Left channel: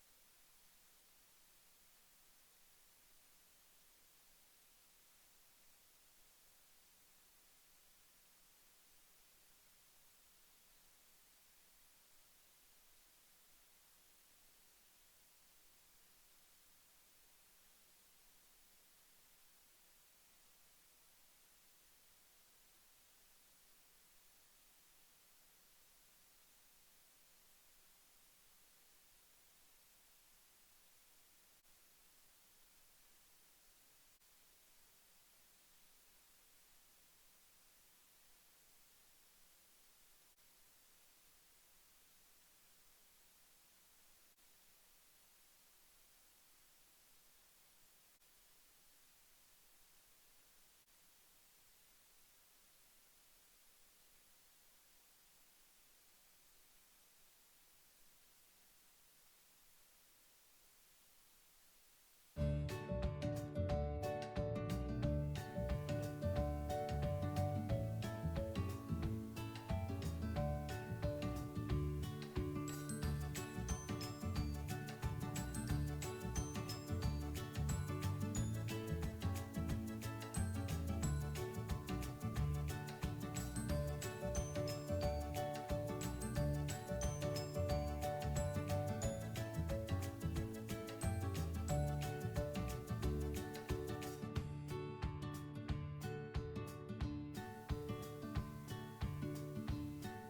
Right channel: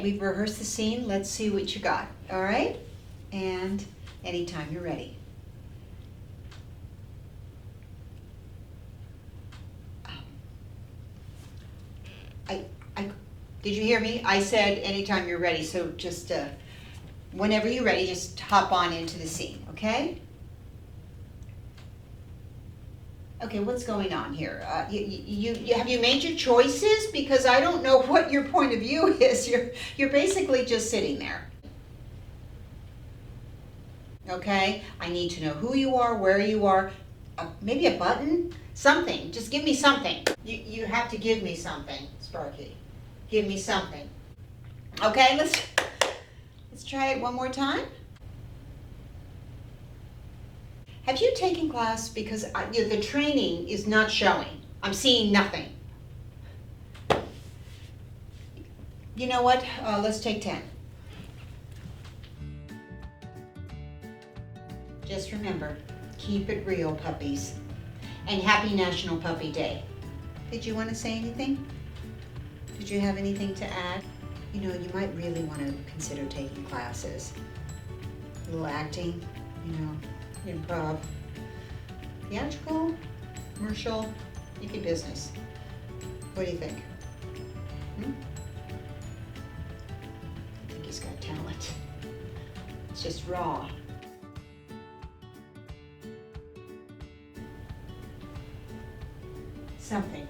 Okay, we've rehearsed the scene. Let's see what you got. All right? And anytime you're ready. I, did you hear me? I said anytime you're ready. So just whenever you're ready, just hop on into the scene. Okay? Okay, what's going on here? Have you made your choices? Because I don't know what your point of view is. You're basically just sitting there. Okay, I need to know who you are, where you are, maybe a button, something. Just give me something. You have to give me something, Sparky. Give me something. Okay, let's try it one more time. Have you taken class? Because the training is not showing. I'm seeing nothing. You know what? Let's take 10. Just remember, keep it real, puppies. And happy National Puppy Day. Did you want to say anything? Did you have anything to add? You know, you might really want to consider taking classes. A little acting, you know, improv. Theatrical, commercial, make your business. What do you think? I think he's got talent. It's just raw. Something.